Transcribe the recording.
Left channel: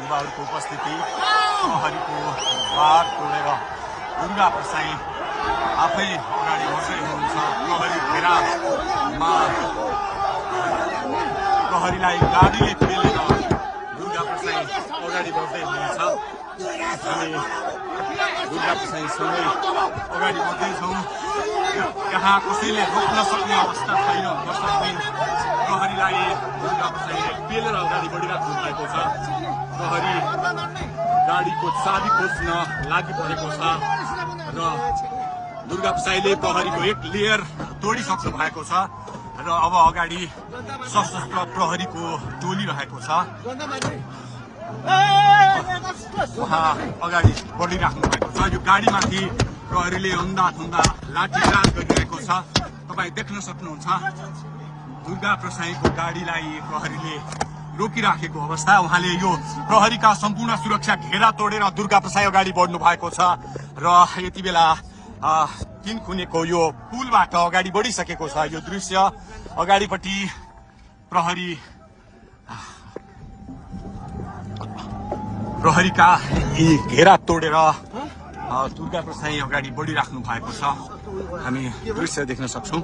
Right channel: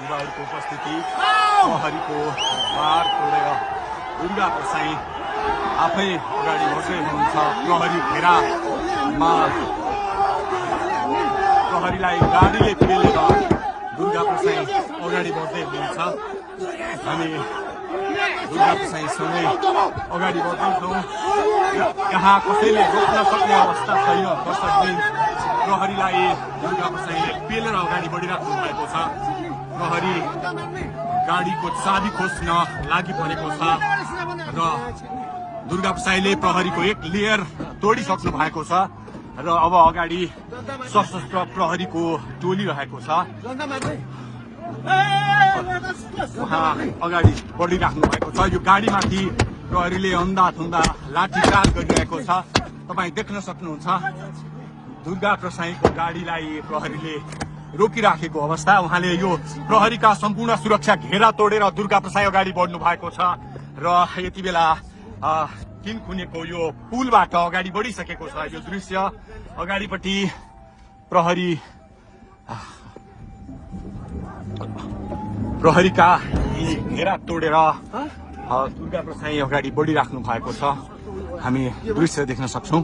युवाहरूको उपस्थिति प्रहरीको बार तोडेर दुर्गा प्रसाई आफै अगाडि बढ्दै हुनुहुन्छ। प्रहरी घेरामा प्रहरीलाई गाडीले पेलेर दुर्गा प्रसाई अगाडि बढ्दै हुनुहुन्छ। अगाडि बढ्दैछौँ जहाँ कसैले रोक्न सक्ने अवस्था छैन। कसैले प्रहरीलाई दुर्गा प्रसाई पेलेर अगाडि बढिरहेको भएको छ। प्रहरी गाडीको चाबी खोज्न लागि परेको छ र दुर्गा प्रसाईले प्रहरीको एक लेयर तोडिसक्नु भएको छ र अब अगाडि सशस्त्र प्रहरीको टोली रहेको छ। उहाँ अगाडि बढिराख्नु भएको छ। यो गाडीमाथि प्रहरीले अन्धाधुन्दा लाठीचार्ज गरिरहेको छ। तपाईँ देख्न सक्नुहुन्छ दुर्गा प्रसाईको गाडीलाई प्रहरीले रोकिराखेको अवस्था। उहाँले यो प्रहरीका सम्पूर्ण सुरक्षा घेरा तोडेर दुर्गा प्रसाई अगाडि बढ्नु भएको छ र यति बेला किनखुनेको यो पुलबाट अगाडि बढिसकेको छ। यो दृश्य अगाडिपट्टि प्रहरीका यी घेरा तोडेर दुर्गा प्रसाई अगाडि बढिराख्नु भएको छ। हामी दृश्य देख्न सक्छौँ।